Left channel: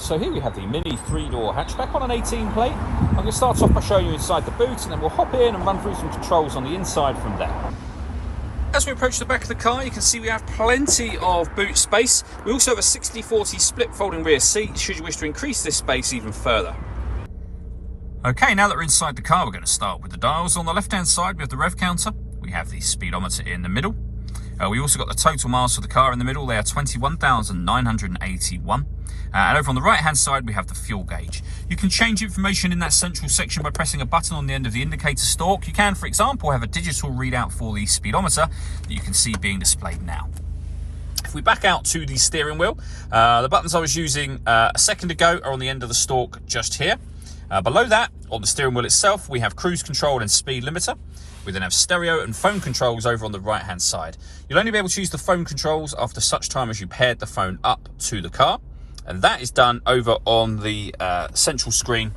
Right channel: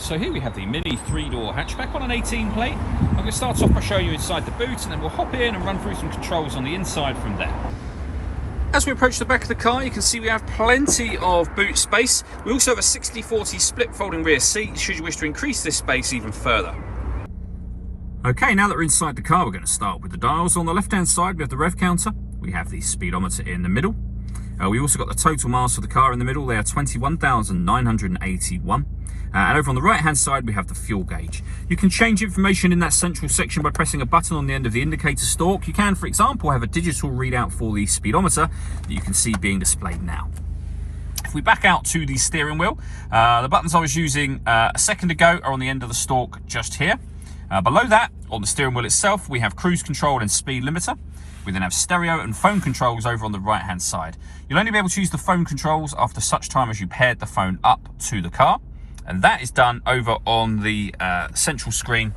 So here we have the Mini 3-door hatchback on an 18 plate. I'm going to start off by showing you inside the boot, and then we'll hop in and run through some controls on the inside from there. As we approach the back of the car, you can see we have plenty of boot space. We also have a 60-40 split folding rear seat, should you wish to increase this space even further. Okay, now that we're inside the car, we're going to start with the dials. On the left-hand side, we have the rev counter. We have the speedometer in the middle. We also got the total miles for the car in the middle. They are 21,981. And over on the right-hand side, we have the fuel gauge. You can change information in that central section by pressing a button on the end of the indicator stalk. You can, for example, have a digital readout for the speedometer that you can see being displayed now. If we back out to the steering wheel, the buttons I was using a second ago are on the end of the stalk just here. Below that, on the steering wheel itself, we have cruise control and speed limiter. We then have stereo and phone controls over on the right-hand side. You'll only be able to use the phone controls after such time as you paired the phone up to the car. And that is done over on the central screen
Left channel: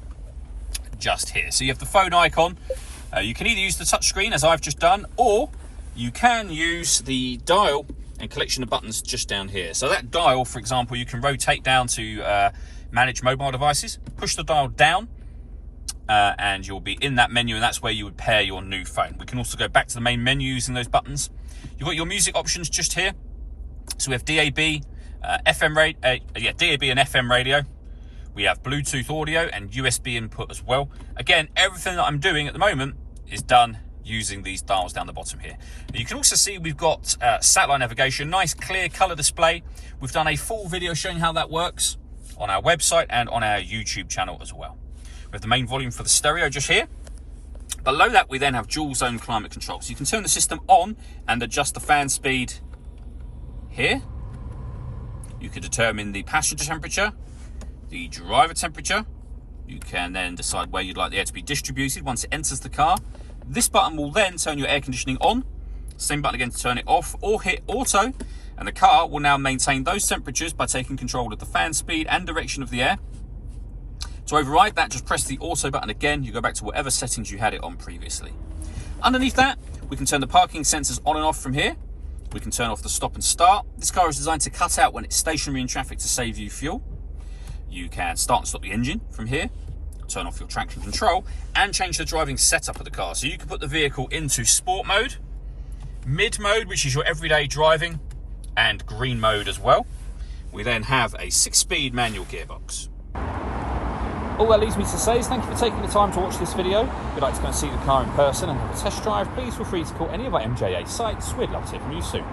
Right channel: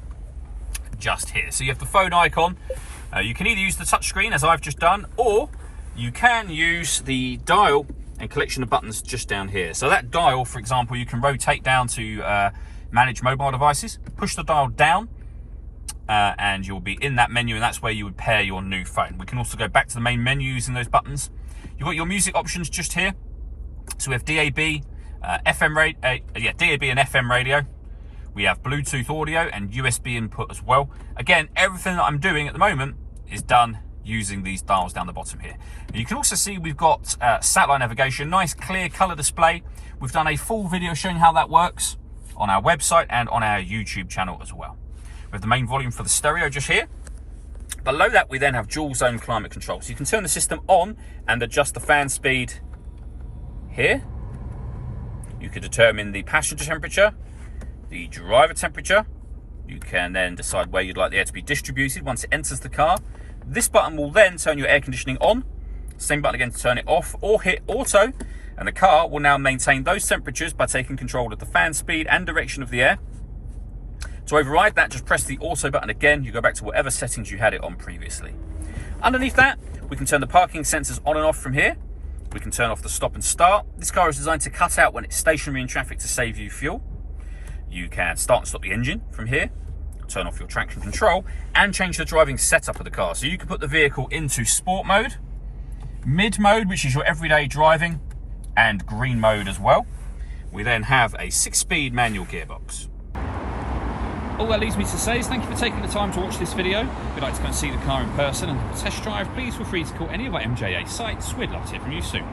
just here. So you have the phone icon. You can either use the touch screen, as I've just done, or you can use the dial and collection of buttons just down here. So that dial, for example, you can rotate down to manage mobile devices, push the dial down, and you'll be in that menu, and that's where you would pair your new phone. We can also go back to the main menu using those buttons. You've got your music options just here. So we have DAB, DAB and FM radio. We have Bluetooth audio and USB input as well. Again, everything that I'm doing at the moment is done using these dials down the bottom here. You can also see we've got satellite navigation, nice clear color display. We've done a full video showing how that works on our website and on our YouTube channel as well. We have the main volume for the stereo just here. Below that, we then have dual zone climate control. So you can turn the system on and adjust the fan speed here. You can determine the passenger temperature, the driver temperature. You can then decide where you'd like the air to be distributed once it enters the car. This button will then turn your air conditioning on. Same button again to turn it off, or hit auto, and the car will now maintain those temperatures by taking control of the fan speed and direction of the air. To override that, just press the auto button again. You go back to whatever settings you had it on previously. Underneath that, we can turn the parking sensors on and off from here. We can turn off the stop and start. This car is designed to cut out when it's stationary in traffic to save you fuel. You can start and stop the engine from here, turn off your traction control, and change the driving setup of the car. So you can put the vehicle into sport mode, mid mode, which is your everyday driving, and green mode as well. We then have a 6-speed manual gearbox. All that leaves me to say is thank you for taking the time to watch this video. If you'd like to go and see the car in person and have a test drive, please feel free to call any of our MJA sites. We'd love to hear from you soon.